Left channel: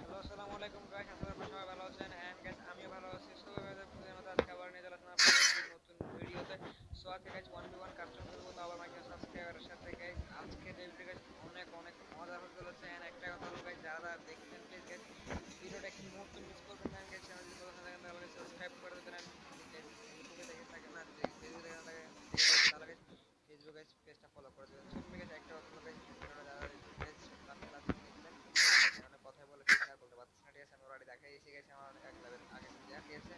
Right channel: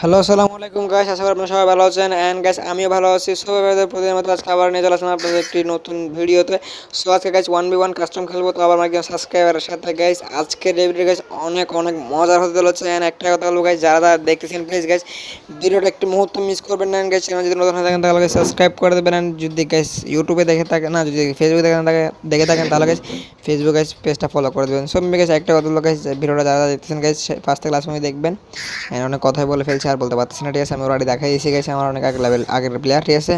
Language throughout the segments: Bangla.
হ্যালো, আসসালামু আলাইকুম গাইস। আশা করি আপনারা সবাই ভালো আছেন। অ্যান্ড গাইস আমিও ভালো আছি। সো এবারে প্রতিদিনের মতো আজকে আবার নিয়ে চলে আসলাম আপনাদের একটি নতুন ভিডিওতে। সো আজকে গাইস 1v1 কাস্টম খেলবো, তো আবার আমার একজন সাবস্ক্রাইবারের সাথে গাইস। আজকের এই ভিডিও গাইস অনেক অনেক মজার হতে চলেছে। অ্যান্ড একটা কথা বলবো গাইস, যারা যারা দেখতেছেন প্লিজ গাইস ভিডিওটা একটু মুহূর্ত মিস করবেন না গাইস। চ্যানেল যদি নতুন হয়ে থাকেন তাহলে সাবস্ক্রাইব করে দেবেন। অ্যান্ড যদি গাইস ইউটিউবে দেখে থাকেন, না যদি ফেসবুকে দেখে থাকেন তাহলে গাইস ফেসবুক গাইস পেজটা ফলো করে দেবেন। সো গাইস একটা কথা বলবো গাইস, ভিডিওটা যারা যারা দেখতেছেন গাইস ফার্স্ট থেকে লাস্ট পর্যন্ত দেখবেন। অনেক কথাই বলে ফেলছি আর বলতে পারতেছি না, ঠিক আছে। আমি অলরেডি দেখাই এসে গেছি আমার অনেক আগের প্লেয়ার, ঠিক আছে।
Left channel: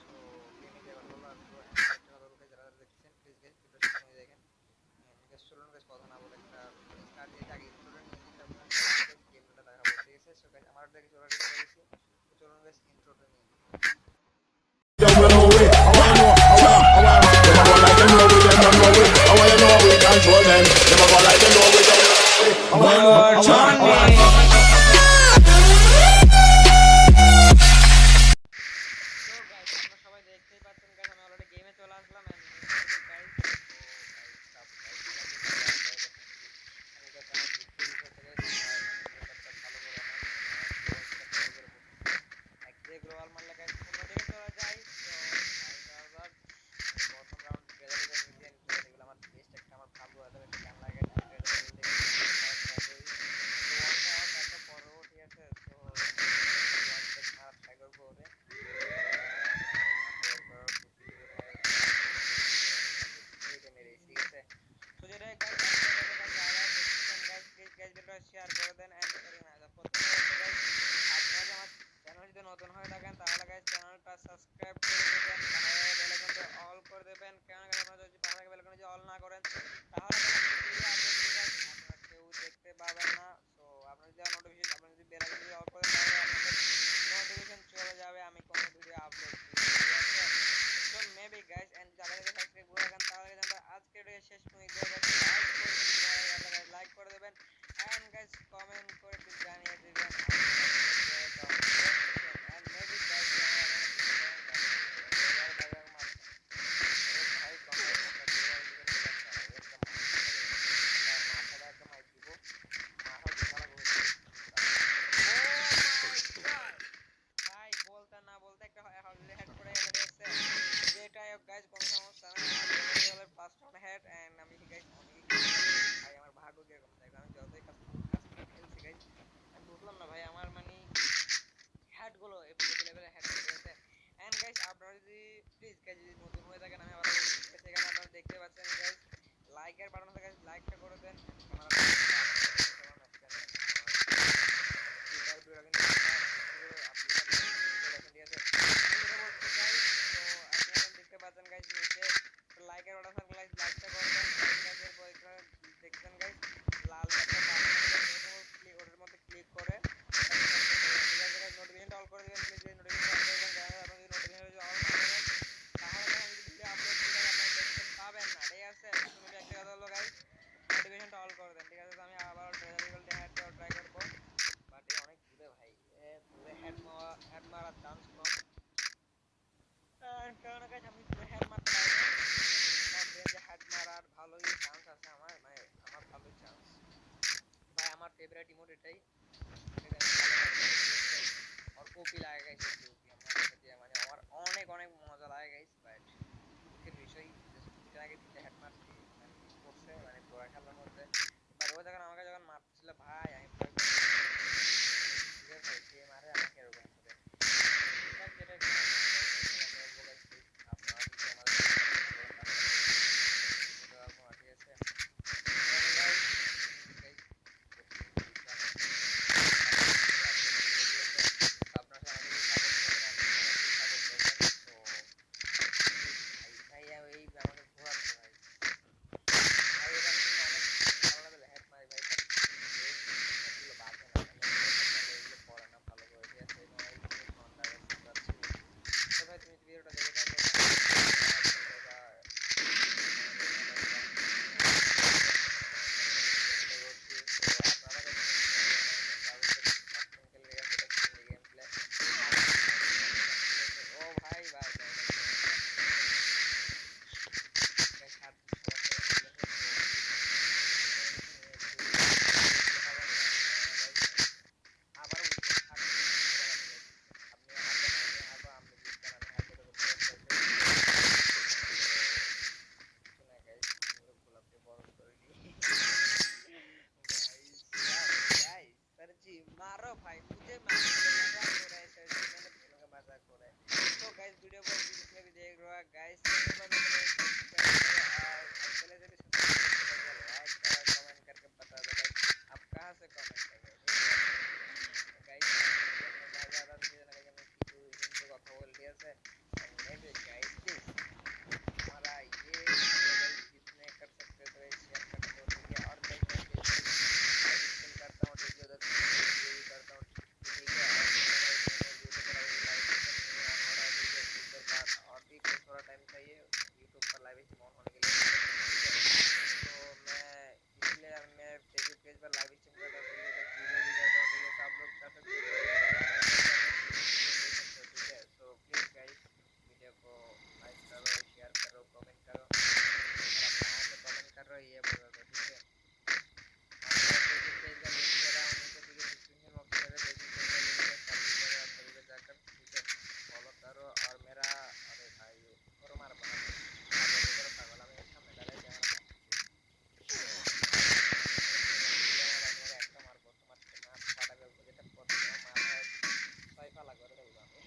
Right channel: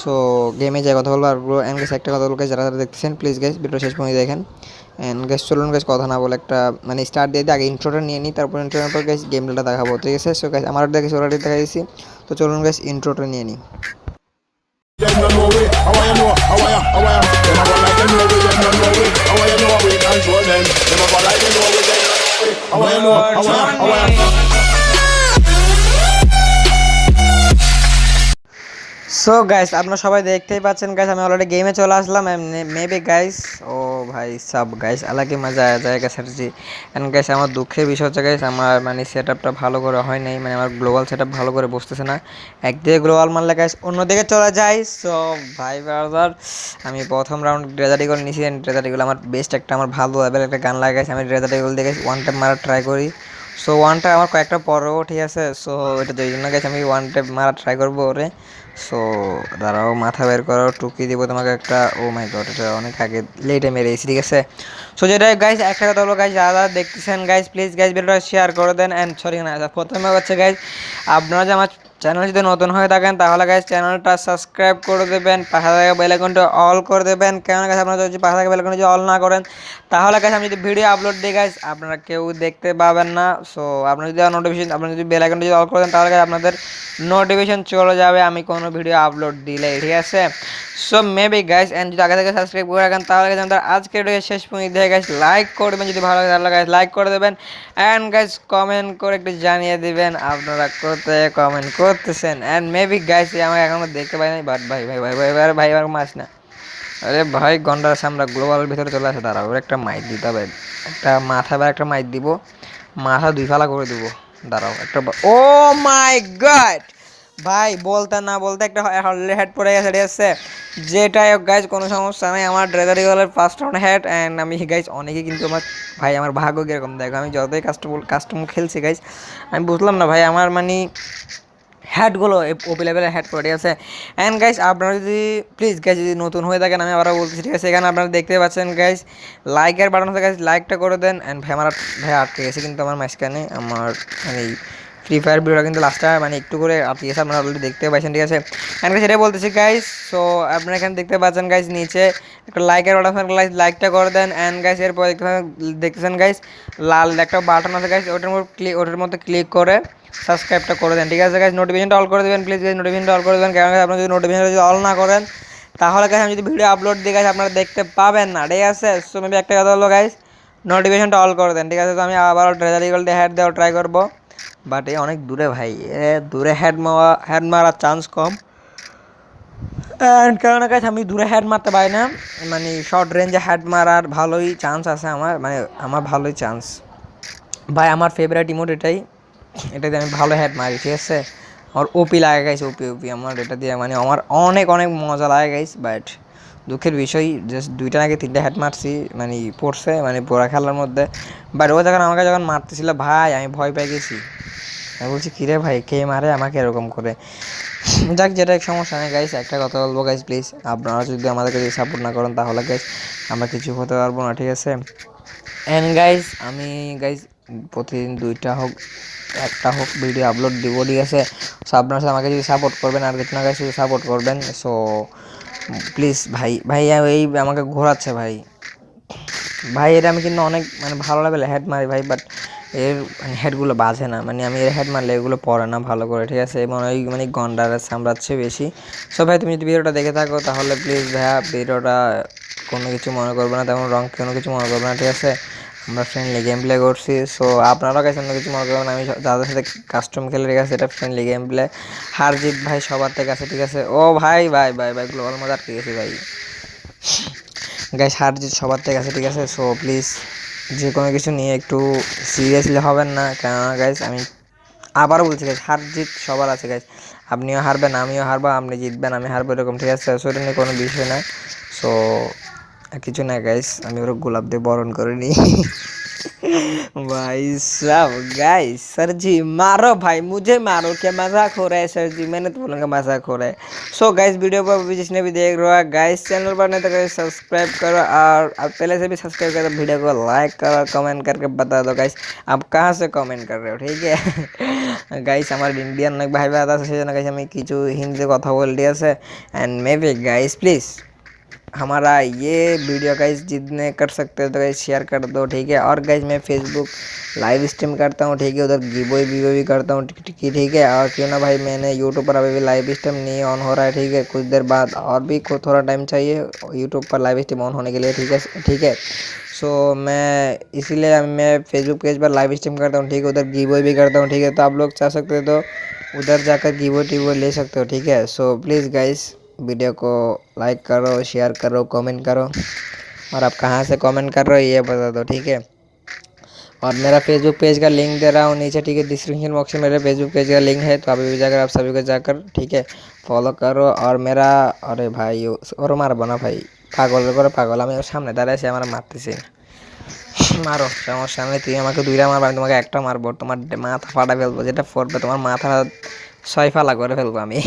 সো গেমে যাই কথা বলবো আর অ্যান্ড গেস একটা কথা বলবো যারা যারা দেখতেছেন প্লিজ গাইস ভিডিও শেষ পর্যন্ত দেখেন। অ্যান্ড গেস চলুন গেস কথা না বলে একটা মানে স্টার্ট দিয়ে দিই, আগে ইন্ট্রোটা নিয়ে নিই, তারপর ইন্ট্রোর পর গেস গেম প্লেটা দেখাবো, ঠিক আছে। সো গাইস আমার দেখেছি অলরেডি দেখাইছি, তো চলুন গেস ইন্ট্রোটা নিয়ে নিই। Them no know it. How I know? How I am? How I am? Them a go like them know it. Them no know it. How I know we control them? Them a go like them know it. Them no know it. How I know? How I am? How I am? So guys আপনারা সবাই দেখতেই পাচ্ছেন গাইস, আমি অলরেডি গেমে চলে আসলাম। মেবি গাইস, ও ভাই সাব গাইস আলাকে মজা আয়া জায়গা স্যারজি। এন্ড গাইস আমার দুঃখের বিষয় হচ্ছে গাইস, আমার মানে সেটআপটা ভালো করে হয় নাই, মানে আমার গ্লোবাল সেটআপ ভালো করে বসতেছে না। একদিকে গ্লোবাল মারলে গাইস অন্যদিকে চলে যায়। সো ভাই ব্রাদার, আমি প্রথম রাউন্ড ড্রেজার ইগল নিয়েছি। ড্রেজার ইগল আমার বেস্ট একটা, আমার ভালো লেভেল একটা গান লাগে গাইস। আমি ড্রেজার ইগল দিয়ে গাইস ওয়ান ট্যাপ মারার ট্রাই করি। সো ওয়ান ট্যাপ আমার কয়েকটা পরেও, ঠিক আছে। সো এটা এই জন্য গাইস আমি ওয়ান ট্যাপ মারার ট্রাই করবো ওরে। সো দাঁড়াও, মাথা বের করো, টুকি দিব তোমাকে একটা। ও মাই গড, এটা অনেক আগে লেটে মেরেছি, ঠিক আছে। সো যেটা গাইজ একটা কথা বলবো গাইজ, যারা যারা দেখতেছেন গাইজ প্লিজ গাইজ ভিডিওটা শেয়ার করে দেন। অ্যান্ড সরি না, প্রথমে হচ্ছে গাইজ আপনারা যে আমার চ্যানেল যদি নতুন হয়ে থাকেন তাহলে গাইজ চ্যানেলটা সাবস্ক্রাইব করে দেবেন, পাশে থাকা বেল আইকনটা অল করে দেবেন। কেন গাইজ আপনারা যদি পাশে থাকা বেল আইকনটা যদি অল না করেন তাহলে গাইজ আমি যদি ভিডিও আপলোড দিই গাইজ আপনারা কেউ দেখতে পাবেন না। সো আপনারা যদি নোটিফিকেশন, আপনারা যদি বেল আইকনটা যদি অল করে দেন তাহলে গাইজ আপনাদের নোটিফিকেশন চলে যাবে আমি কোনো ভিডিও আপলোড দিলে, ঠিক আছে। সো মেবি গাইস, এন্ড যদি আগে থেকে সাবস্ক্রাইব করে রাখেন তাহলে গাইস আমাদের আজকের ভিডিও শেষ পর্যন্ত দেখে গাইস লাইক করবেন, যদি ভালো লাগে তাহলে গাইস লাইক করে দেবেন। এন্ড গাইস কমেন্ট করে একটু জানিয়ে দিবেন আপনারা কোথায় কমেন্ট করতেছেন। এন্ড মেবি গাইস আমাকে এখনো দেখতে পাই নাই, বাট ভাই ভাই ভাই ভাই ভাই ভাই আমার মাস না। আরে ভাই গন্ডার আমরা গ্লোবালের ভিতরে চলে আসে, দাঁড়াও ওর একটা মাইক দিতে হবে, একটা মাথা বা একটা মাইক দিব, মাথা দুই ফালা করে দিব। দাঁড়াও একটা, ও মাই গড ভাই, বলতে না বলতে একটা হেড পড়ে গেছে, ঠিক আছে। যেটাই হোক গাইজ কোনো সমস্যা নেই, আমার ড্রেজারি গলের ফার্স্ট রাউন্ড হেড। অ্যান্ড আমি গাইজ অনেকেই কিন্তু আমার, ভাই আমার ভাগ্য কীরকম দেখো, আমি যতই কাস্টম খেলছি গাইজ আমি বুঝলাম না ভাই আমার মানে হ্যাটগুলো ওপি লেভেলের হ্যাট করে, ঠিক আছে। অ্যান্ড গাইজ আপনারা যদি প্লিজ গাইজ যদি নতুন হয়ে থাকেন আমি আবারও বলছি, ঠিক আছে, এখানে আপনারা দেখতে পাচ্ছেন গাইজ লাইকের বাটন আছে গাইজ, লাইকটা করে দেন। অ্যান্ড ভাই আমার ভাই আটকে গেছে কিন্তু আমার মাঝখানে আমার মানে ফ্রি ফায়ার ভিডিওটা কিন্তু লাস্টটা মানে একটু করে আটকে গেছে, আপনারা অলরেডি দেখতে পাচ্ছেন, ঠিক আছে। অ্যান্ড সেটাই বলতেছি গাইজ। সো আপনারা এখানে দেখতে পাচ্ছেন গাইজ নিচে একটা লাইকের বাটন, লাইকটা করে দেন। অ্যান্ড গাইজ এরপর দেখতেছেন গাইজ লাল একটা বাটন আছে গাইজ, ওটার মধ্যে ক্লিক করে সাবস্ক্রাইবটা করে দেন, ঠিক আছে গাইজ। নোটিফিকেশনটা অল করে দেবেন প্লিজ গাইজ, নোটিফিকেশনটা অল করে দেবেন, কারণ আপনারা যদি নোটিফিকেশন যদি অল না করেন তাহলে গাইজ আমি যদি ভিডিও আপলোড দিই গাইজ আপনারা দেখতে পাবেন না, ঠিক আছে। সো মেবি একটা কথা হলো গাইজ নোটিফিকেশনটা অল করে দেন, ঠিক আছে। তো আমি আবার ট্রেজার ইগল দিয়ে হেড দেওয়ার ট্রাই করবো, বাট এ অনেক দূরে ভাই, দূরে হেড মারার চান্স কম। অ্যান্ড কারণ গাইজ আমি দূরে হেড মারতে পারি না, মানে শর্ট রেঞ্জে হেড মারার ভালোই চান্স আছে আমার, মানে আমার ভালোই চান্স ভাই। আমার ফেভারিট ইমোট এটাই, এটাতে আমি ভালো হেড মারি, ঠিক আছে। আমার ওপি লাগে গাইস, ওপি ওপি আমার এটা দিয়ে মানে আমার অনেক অনেক মজা লাগে গাইস। বাট দুঃখের বিষয় জাস্ট দুইটা নাকি তিনটা হেড মারছি মানে পড়ছে মানে পুরা খেলার মধ্যে। বাট ও যখন আমাকে যখন মারতেছিল ভাই আমি ভয় পেয়ে গেছি, আমি বলছি কিরে ভাই কে মারে আমাকে এরকম করে। যাক যেটা এক সমস্যা নেই গাইস, একটা কথা বলবো গাইস প্লিজ, আপনারা যদি আমাদেরকে যদি সাপোর্ট না করেন তাহলে গাইস আমরা কিছু হতে পারবো না, ঠিক আছে। অ্যান্ড গাইস আমি গাইস প্রতিদিন দুইটা হোক একটা হোক ভিডিও আপলোড দিব, ঠিক আছে। সো আপনারা আমাকে যদি সাপোর্ট করবেন আর কিছু না গাইস যদি সাপোর্ট করবেন। সো প্লিজ ভাই ভাই এই আমাকে ঘোরাচ্ছে ভাই, ভাই এটা আমি কিন্তু অনেক মানে ভালো লেভেলে হেড মারি ভাই, বাট এর হেডগুলো বাজে না, মানে আমি এর হেড মারলে এগুলো পড়ে না ভালো করে, ঠিক আছে। এবং ওই মানে গন্ডার সামলাচ্ছে বেশি। সো ভাই তুমি যদি ভিডিওটা দেখে থাকো তাহলে প্লিজ ভাইয়া ভিডিওটা কোনো কিছু মনে করবে না, তেমন রং কোনো কিছু মনে করবে না, ঠিক আছে। আমরা ফ্রেন্ডলি গেম প্লে করছি, সো আপনারাও কাছে অন্য কিছু মনে করবেন না, আমি যাদের সাথে কাস্টম খেলে, ঠিক আছে, এটা ফ্রেন্ডলি গেম প্লে। হার জিত ভাই সবার থেকে আছে, ঠিক আছে। ও ভাই ভাই ভাই ভাই গ্লোবাল মজা, ঠিক আছে ভাই গাইস, হার জিত সবার থেকে আছে, ঠিক আছে। সো প্লিজ যে কোনো কিছু নিয়ে একটু সিরিয়াসলি হবেন না, কেননা গাইস আমি আবারও বলছি গাইস, হার জিত সবার আছে গাইস। আপনিও হারবেন, আমিও হারবো, আপনি জিতবেন, আমি হারবো, এরকম ঠিক আছে। সো এটা নিয়ে কোনো বিষয় না। সো কিছু না গাইস, আমি ওরা গোলাপ দিয়ে বরণ করে নিই। भाई साहब गाइस, सर जी मारो भाई, मुझे मारो, क्या मजाक हो रहा है सर जी, मैंने तो बोलूँगा मजाक हो रहा है। सो गाइस वीडियो को अभी जिसने भी देख रहा है गाइस, चैनल पर नहीं तो गाइस सब्सक्राइब करो, और अब पहले से भी सब्सक्राइब करो, वीडियो को लाइक करो, कमेंट करके बता दो गाइस आप कहाँ से कमेंट कर रहे हो, ठीक है। গাইস আমার ইন্ডিয়ান অনেক ভাই ভাই আছে, সেই জন্য গাইস আমি কিছু হিন্দিতে কথা বল ঠিক আছে। And may be guys please हमारा ये वीडियो गाइस जितने कर सकते हो तो गाइस शेयर कर दो, ठीक है। और गाइस मैं फेसबुक लाइव स्ट्रीम करता हूँ, ठीक है, उधर गिवो भी करता हूँ, ठीक है। और क्यों ना भाई, मैंने यूट्यूब पर अभी भी लाइव स्ट्रीम नहीं ऑन हो रहा है, ठीक है, कुछ देर बाद और भी थोड़ा टाइम चाहिए यूट्यूब पर लाइव स्ट्रीम ऑन होने के लिए, ठीक है, ठीक है। सो मैं इसीलिए मैं फेसबुक पेज पर लाइव स्ट्रीम करता हूँ, ठीक है, उधर गिवो भी करता हूँ, ठीक है। तो आप लोग चाह सकते हो तो उधर जाकर गिवो टिवो ले सकते हो, ठीक है। सो प्लीज़ गाइस वीडियो को लाइक करो, शेयर करो, कमेंट करो, और आप कहाँ से कमेंट कर रहे हो ये बता दो, ठीक है। और मेरा फेसबुक पेज का लिंक दे रहा हूँ नीचे, ठीक है, डिस्क्रिप्शन बॉक्स में मेरे फेसबुक पेज का लिंक है, तो अभी भी जाकर आप सभी को जाकर, ठीक है, फॉलो करो। और मेरा, अरे भाई और मारबो ना भाई, পাগল করে পাগল, আমি ওর সামনে দাঁড়ায় আছি, আমার মারতেছি। মারো, সমস্যা নেই, তুই আমাকে দুইটা মারবো, আমি তোমাকে একটা মারবো, তোমার মাথা ফাটা ফেলবো, যেটা পড়বে তোমার মাথা 6 ফালা করে ফেলবো আমি।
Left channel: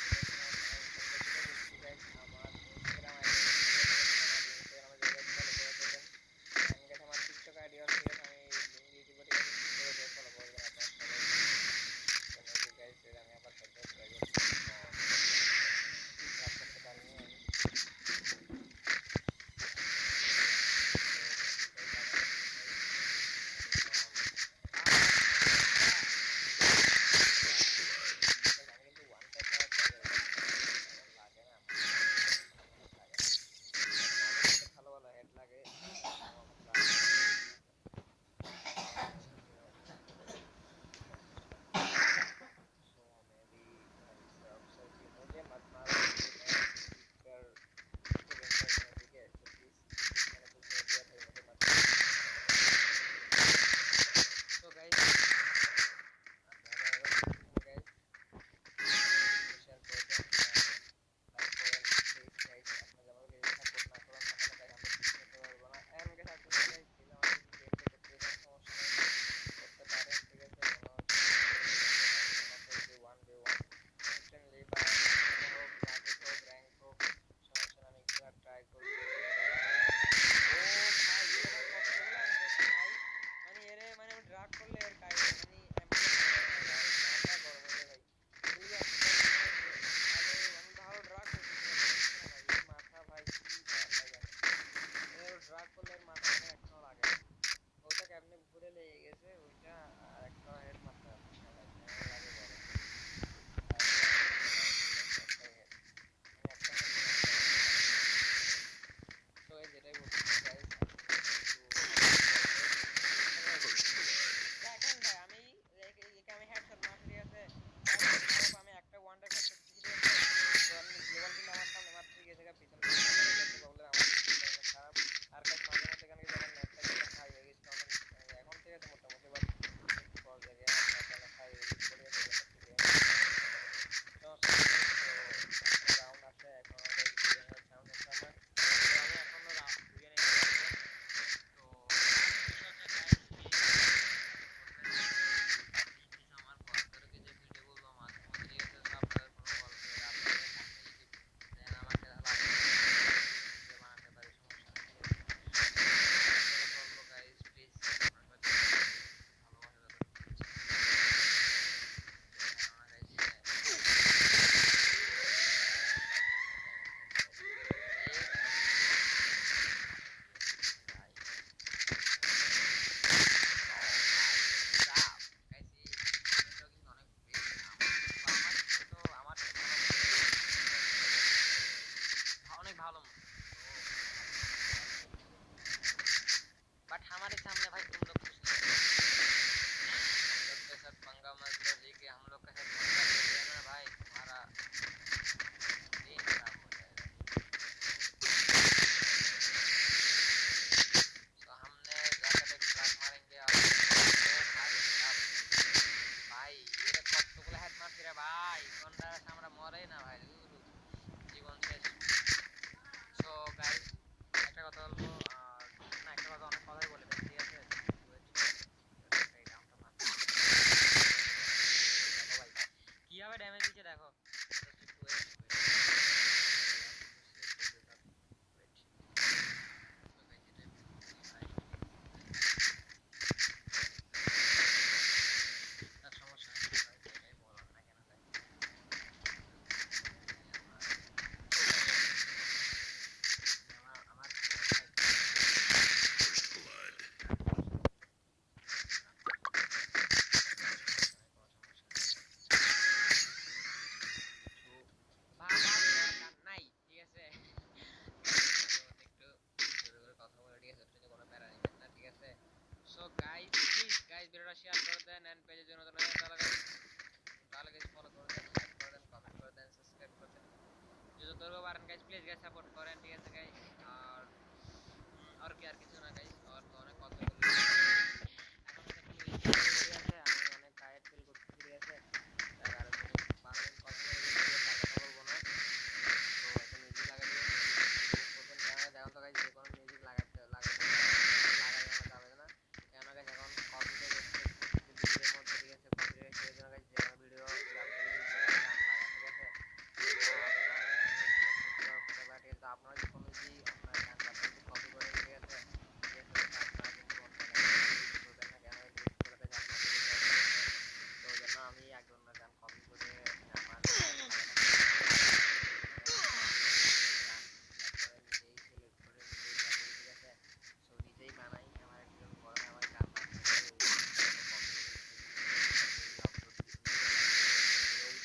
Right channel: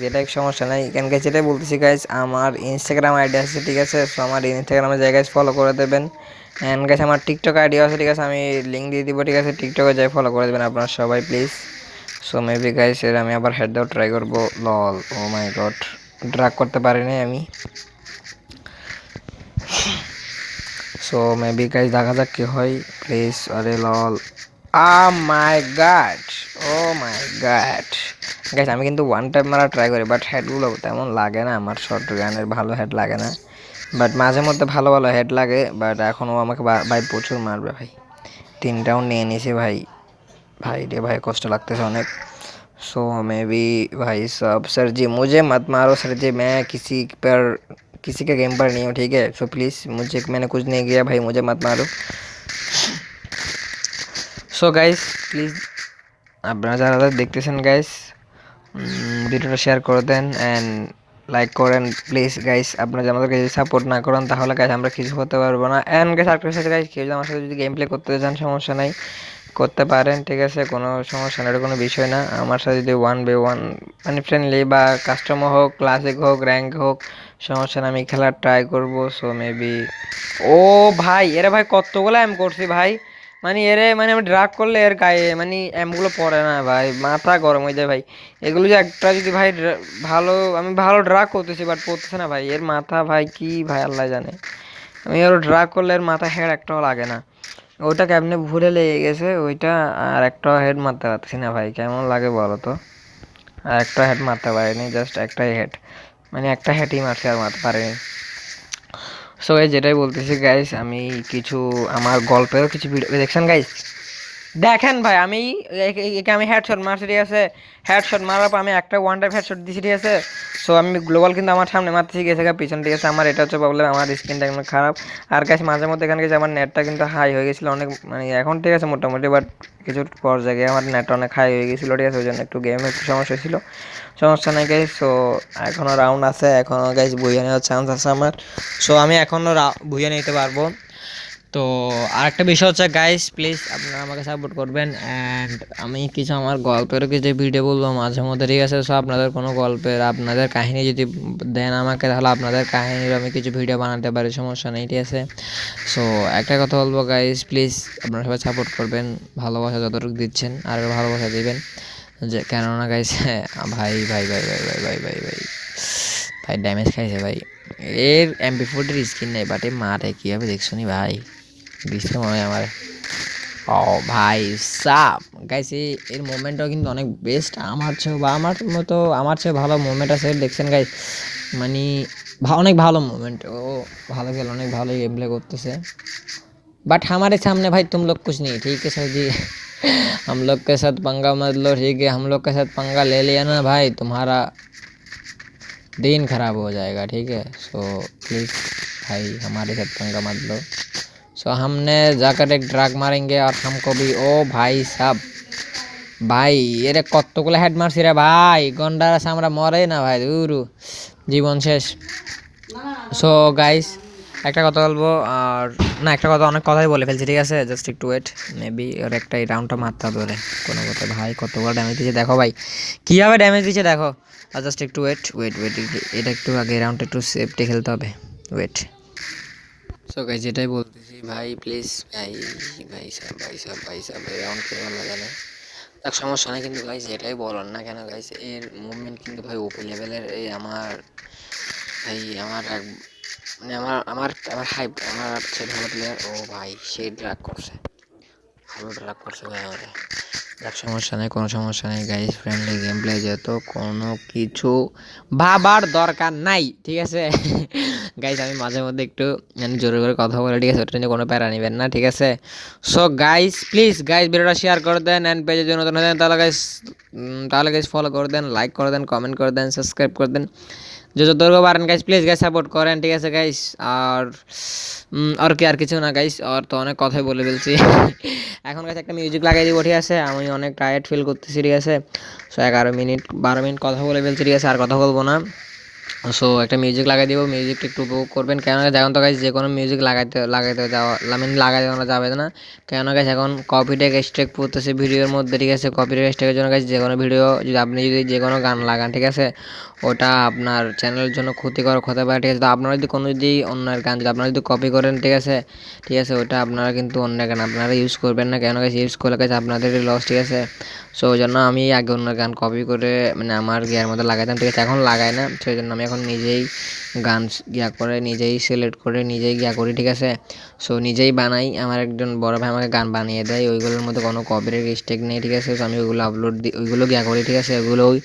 যেটাই সমস্যা নাই, এখানকে যেটাই বলতেছি গাইজ, আমার ইনস্টাগ্রাম আইডি আছে, ঠিক আছে। সো আমার ইনস্টাগ্রামে জায়গায় ফলো করে দেবেন। অ্যান্ড গাইজ আমার টিকটক আইডিও আছে, ঠিক আছে, আমি লিঙ্ক দিয়ে দিব, ঠিক আছে, টিকটকে যাই ফলো করে দেবেন আপনারা সবাই প্লিজ। সো মেবি গাইজ এর আমি আবার হেড দেওয়া ট্রাই করবো, লল, ও মাই গড, ড্রাগ করতে পারিনি আমি। সো মেবি গাইজ দেখা যাক কি হয় প্লিজ। আরে লল, মাই গাড, ও মাই গাড গাইজ, আমি কিন্তু ওয়ান টাইম মারা ট্রাই করি, বাট হেডগুলো তেমন লাগে না আমার, শর্ট গানের ভালো হেড লাগে না, বাট মাঝে মধ্যে ভালো ভালো হেড লাগে। বাট এখনও আমাকে ভাই প্রচুর মারবে ভাই, 3 রাউন্ড নিয়ে নিয়েছি ভাই, भाई रे भाई कष्ट लगते हैं अनेक। सो मे बी भाई साहब, सर जी मुझे मत मारो सर जी, मैं किसी के गेम पर नहीं हूँ, ठीक है। सो प्लीज़, मुझे मैंने कुछ नहीं किया भाई, मुझे मत मारो। सो गाइस प्लीज़ আপনারা যারা যারা দেখতেছেন গাইস, ভিডিওটা শেয়ার করে দেন অ্যান্ড লাইক করেন প্লিজ গাইস। আপনারা যদি আমাদেরকে যদি সাপোর্ট না করেন তাহলে গাইস আমরা কিছু করতে পারবো না। অ্যান্ড গাইস আরেকটা সাথে গাইস, কেউ যদি আমার সাথে যদি গেম প্লে করতে চান সমস্যা নাই, করতে পারেন, ঠিক আছে, কোনো সমস্যা না, এটা কোনো বিষয় না। আমার সাথে যদি 1v1 মানে ফ্রেন্ডলি বা কাস্টমার হোক, ক্লাসিক হোক, র্যাঙ্ক হোক, সমস্যা না, আমি খেলার ট্রাই করবো। সো মেবি, ও ভাই এরে ভাই কতগুলো এম করছি ভাই, মানে এরে মানে আমি ড্রাগ করলে এর গায়ে মানে এমগুলো পড়ে না ভাই, মাথা গরম হয়ে যায় ভাই। এগুলো যে একটা যদি ভাই ভালো, আমি ভালো ড্রাগ করতেছি বাট পড়তেছে না ভাই, এর মাথা ভাই কি ভাই আল্লাহ জানে, আমি আরও ড্রাগ করলে এর মাথা হেড একটাও লাগে না, ওইটা কেমনে ভুলে লেগে গেছে ওইটা, আর একটা হেড মারতে পারতেছি না ভাই, কেমন লাগে বলো তো। আর একটা হেড মারতে পারিনি, জাস্ট একটাই হেড, মানে একটা হেডই মারছে, আর মারতে পারিনি। সো গাইস যেটাই বলতেছি গাইস, আমি কিছু আমার গল্পেরও কিছু ভিডিও দেখছেন গাইস, দেখেন ভাই আমি একে আমি হেডশট মারছি, ঠিক আছে, হেডশট মারার পর আমি একটা ওয়ান টাইম হেডশট দিছি, ঠিক আছে। সো আমি গ্লোবাল কিন্তু আমার সামনে মারতেছি গেছে পিছন, ঠিক আছে, আমার এটা হচ্ছে প্রবলেম, আমার স্ক্রিনটা একদম খারাপ। আর গাইস মাঝে মধ্যে এখানে গেছে আমার নেটটা কিন্তু হাই হয়ে গেছিলো অনেক, মানে এখন ঠিক আছে মোটামুটি, বাট কিছু পর জায়গায় আমার নেটটা অনেক হাই হয়ে গেছিলো, ঠিক আছে, ওই জন্য একটু গেমে একটু সমস্যা ছিল, সমস্যা নেই গাইস। সো এখনও রাউন্ড আছে, এখনও গাইস বুঝে নেওয়ার চান্স আছে আমার, সো আমি এখনও বুঝে নিতে পারবো। তো আরেকটা বিষয় হচ্ছে গাইস, প্লিজ আপনারা আমাকে সাপোর্ট করবেন। অ্যান্ড আমি কিছু আমার গল্পেরও কিছু ভিডিও বলবো মাঝে মধ্যে, ঠিক আছে। সো আপনাদের কোনো গল্পের আপনাদের কাহিনী যদি দেন আমাকে, তাহলে আপনাদের কাহিনীর আমি কিছু ভিডিও বানাতে পারি, সমস্যা নেই, ঠিক আছে। সো একটা কথা বলবো গাইস, প্লিজ আপনারা সবাই সাপোর্ট করবেন, ভালোবাসা যতটুকু দিচ্ছেন আর ভালোবাসা দিবেন, যে কেননা গাইস ভাই ভাই ভাই ভাই ভাই ভাই ভাই ভাই ভাই ড্যামেজ খাইছে ভাই, এর MP40 স্কিন নেই, বাট এ মারে কীভাবে দেখছো নি ভাই, দিচ্ছে মনে হয় আমার, ও ভাই সাপ গাইস, এর মুভমেন্টটাও কিন্তু অনেক বেস্ট, আমার চেয়েও বা আমার মতো আমার চেয়ে ভালো মুভমেন্ট আছে দেখছেন গাইস, মানে অনেক ভালো মুভমেন্ট, ও ভালো খেলে অনেক ভালো গেম প্লে করতেছে। बट हमारे सामने भाई तुम लोग कुछ नहीं, ठीक है सर जी। हम लोग के साथ पंगा मत लो, ठीक है, हम लोग के साथ पंगा ले लिया ना भाई, तुम्हारा दिन खराब हो जाएगा, ठीक है। सो प्लीज़ भाई हमारे साथ पंगा मत लो। सो हमने जाकर एक ड्रैग मारेंगे और हमको भी, ओ भाई साहब ভাই এটা কতগুলো হেড মারছি রে ভাই, গন্ডার আছে আমরা মরে না ভাই, দূরু জীবন শেষ। সো গাইস একটা কথা বলবো, আর না একটা কথা অনেক কথাই বলে ফেলছি, ঠিক আছে জাস্ট একটু ওয়েট, মেবি ওর একটা এই রাউন্ডটা মারতে হবে ওরে কোনো কথা। ভাই কতবার ড্যামেজ দিচ্ছে দেখো ভাই, কীভাবে ড্যামেজ দিচ্ছে দেখো। আর জাস্ট একটু ওয়েট ওয়েট ওয়েট, এটা একটু আগে রাউন্ডটা একটু সেফটি খেলতে হবে, ওয়েট। সো গাইস যেটাই বলতেছি ভাই প্লিজ ভাই, ভাই সব রাউন্ড করে গেল কেন, তার সমস্যা নেই কিন্তু গাইস এটাই বলার না কেন গাইস, এর মুভমেন্ট কিন্তু ভাই ওপি লেভেলের। এই আমার এই আমার মানে আমার হাইপ, আমার চেয়ে ভালো প্লেয়ার, ও ভাই সে ড্রাগ করছে, ভালো ড্রাগ করছে ভাই আমাদের। যাক সমস্যা নেই, কোনো সমস্যা নেই গাইস, ফ্রেন্ডলি গেম প্লে যেহেতু কোনো কিছু ভাবার দরকার নাই, ঠিক আছে গাইস আমি মাঝে মধ্যে একটু মানে জোরে করে কথা বলে, ঠিক আছে ওটা নিয়ে কোনো প্যারা নেবেন না, ঠিক আছে। সো গাইস প্লিজ গাইস ভিডিওটা শেয়ার করে দেন, অ্যান্ড পেজের জন্য নতুন হয়ে তাহলে গাইস ফলো করে দেন, লাইক করে দেন, কমেন্ট করে দেন, সাবস্ক্রাইব করে দেন, যতটুকু পারেন গাইস প্লিজ গাইস সাপোর্ট করেন, ঠিক আছে গাইস। আর কি আর কিছু না গাইস, আর তো অনেক কথাই বলে ফেলছি এখন গাইস একটা মিউজিক লাগাই দিব, ঠিক আছে আমি অনেক টায়ার্ড ফিল করতেছি, ঠিক আছে। সো 11 মিনিট 12 মিনিট কথা বলে ফেলছি, ঠিক আছে আর কথা বলবো না। সো একটা মিউজিক লাগাই দিব, মিউজিকটা একটু উপভোগ করবেন, কেননা এখন তো গাইস যে কোনো মিউজিক লাগাইতে যাওয়া মানে লাগাই দেওয়া যাবে না, কেননা গাইস এখন কপিটেক স্ট্রাইক পড়তেছে ভিডিওর মধ্যে, ঠিক আছে কপিটেক স্ট্রাইকের জন্য গাইস যে কোনো ভিডিও যদি আপনি যদি যে কোনো গান লাগান, ঠিক আছে ওটা আপনার চ্যানেলের জন্য ক্ষতিকারক হতে পারে, ঠিক আছে। তো আপনারা যদি কোনো যদি অন্যের গান যদি আপনারা যদি কপি করেন, ঠিক আছে ওটা আপনারা কিন্তু অন্য গান আপনারা ইউজ করবেন না, কেন গাইস ইউজ করলে গাইস আপনাদেরই লস, ঠিক আছে। সো ওই জন্য আমি আগে অন্য গান কপি করে মানে আমার গিয়ার মধ্যে লাগাইতাম, ঠিক আছে এখন লাগাই না, সেই জন্য আমি এখন নিজেই গান গিয়া করে নিজেই সিলেক্ট করে নিজেই গিয়া করি, ঠিক আছে। সো নিজেই বানাই, আমার একজন বড় ভাই আমাকে গান বানিয়ে দেয়, ওইগুলোর মধ্যে কোনো কপিরাইট মিস্টেক নেই, ঠিক আছে। তো আমি ওইগুলো আপলোড দিই, ওইগুলো গিয়া করি, ঠিক আছে ওইগুলোই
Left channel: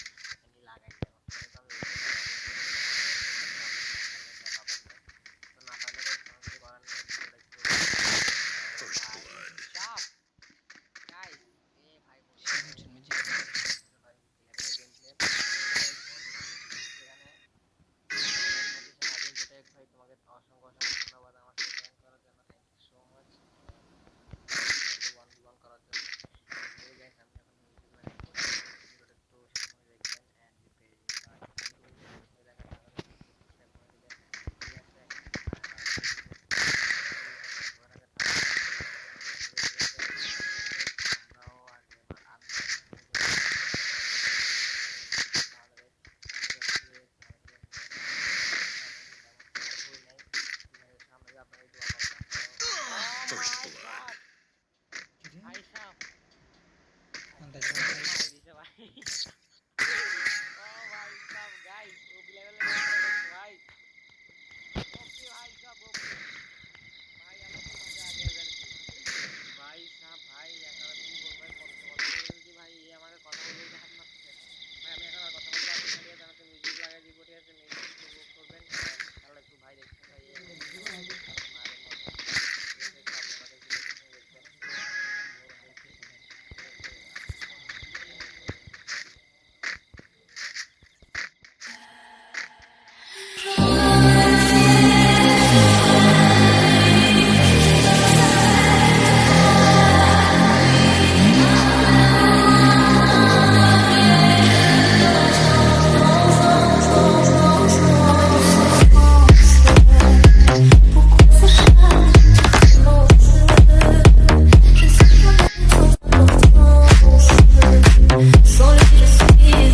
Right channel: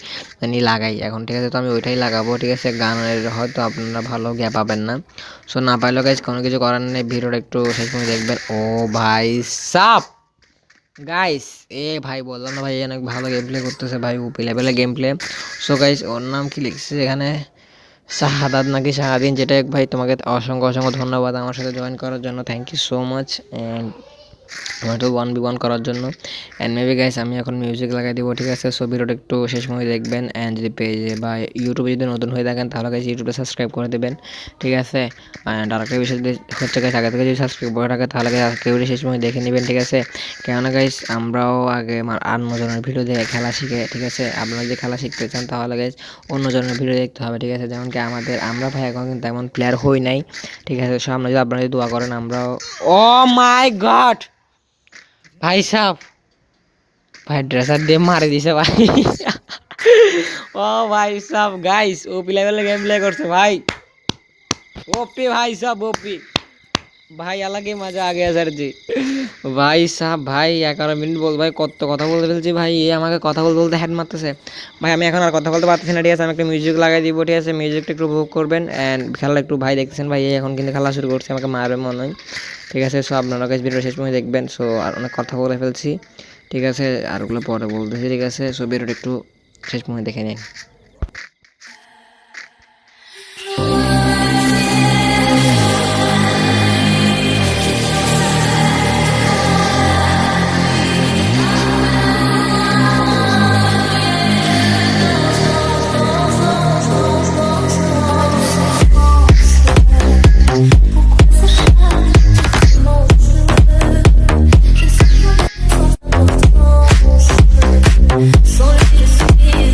আমি লাগাই এখন, ঠিক আছে। তো আমি ওইটাই লাগাবো, ঠিক আছে গানের হয়তো আপনারা ভালো গিয়া পাবেন না, সো না পাইলেও গাইজ কোনো কিছু করার নেই, ভিডিওটা একটু শেষ পর্যন্ত দেখবেন। ও ভাই সাপ গাইস এ ভাই বললাম না ভাই অনেক ভালো গেম প্লে করতেছে ভাই, ওপি লেভেলের গেম প্লে। সো গাইস ওর নাম কি লিখছে এখানে, শাহাদাত নাকি শাহাদিন, যেটা এক ভাই তোমাকে অসংখ্য অসংখ্য ধন্যবাদ আমার সাথে জয়েন করার জন্য, thank you so much and হয়তো 1v1 করার জন্য। অ্যান্ড মেবি গাইস আমি এখন মিউজিক লাগাই দিব, ঠিক আছে। সো ভিডিওটা একটু শেষ সময় দেখবেন, অ্যান্ড যদি পেজে বা ইউটিউবে যদি নতুন হয়ে থাকেন তাহলে গাইস ইউটিউবে সাবস্ক্রাইব করে দেবেন, ঠিক আছে। অ্যান্ড আরেকটা বিষয় যদি ক্ষেত্রে গাইস আগে থেকে যদি সাবস্ক্রাইব করে থাকে তাহলে গাইস আজকে ভিডিও শেষ সময় দেখে নেবেন, ঠিক আছে। কেননা গাইস আমরাও আগে অন্য জনের ভিডিও দেখে খেলা শিখে, ঠিক আছে। আপনারা যদি খেলা শিখতে চান তাহলে গাইস অন্য জনের ভিডিও দেখতে হবে, ঠিক আছে। যেমন কি আমরা ভাই এখন কিন্তু তেমন প্লেয়ার হই নাই, ঠিক আছে। সামনে যদি আপনারা যদি দোয়া করেন আমরাও। ও মাই গড ভাই সাহ ভাই ড্রেসার দিয়ে মারি দিছে ভাই ও ভাই সাহ গাইস ওপি লেভেলে গেম প্লে করছে ভাই, ওপি ভাই সাহ ওপি ভাই अलग ही मजा आ गया सर जी ভাই সাহ ভাই 11 মিনিট বল ভাই কত কথা বলতে ফেলছি ভাই, এ আমাকে কথা বলতে বলতে হেড মারতেছে ভাই, আমি এখন আর কথা বলতে পারতেছি না, ঠিক আছে। আমি একটা মিউজিক লাগাই দিব, ঠিক আছে মিউজিকটা একটু উপভোগ করবেন, অ্যান্ড খেলা একটু ভাই দেখতেছেন ভাই এখন কিন্তু খেলা শুরু করছে, আমাকে মারবে মনে হয়, ঠিক আছে। সো আপনারা গাইস ভিডিও শেষ পর্যন্ত দেখবেন। সো আর অনেক কথা বলে ফেলছি, ঠিক আছে আর ওগুলো পরে বলতেছি, ঠিক আছে। সো ভিডিওটা একটু শেষ পর্যন্ত দেখে নিন। Solo quiero seguir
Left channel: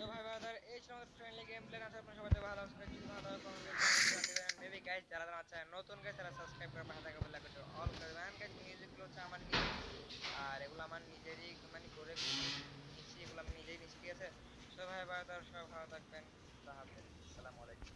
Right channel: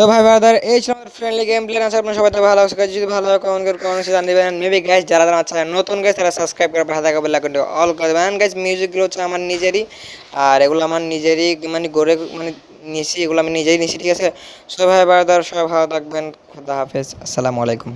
সো ভাই ব্রাদার এই ছিল আমাদের ফ্রেন্ডলি গেম প্লে আছে, আপনার সবাই তো ভালো লাগছে guys, যদি ভালো লাগে কমেন্ট করে কমেন্টে জানিয়ে দিবেন। মেবি গাইস যারা যারা আচ্ছা নতুন গাইস তারা সাবস্ক্রাইব করে পাশে থাকা বেল আইকনটি অল করে দেবেন গাইস। মিউজিকগুলো হচ্ছে আমার নিজেরই, আর এগুলো আমার নিজেরই মানে গড়ে মানে নিছি, এগুলো আমি নিজেই নিছি, ঠিক আছে। সো ভাই ব্রাদার সবাই ভালো থাকবেন, খুদা হাফেজ, আসসালামু আলাইকুম।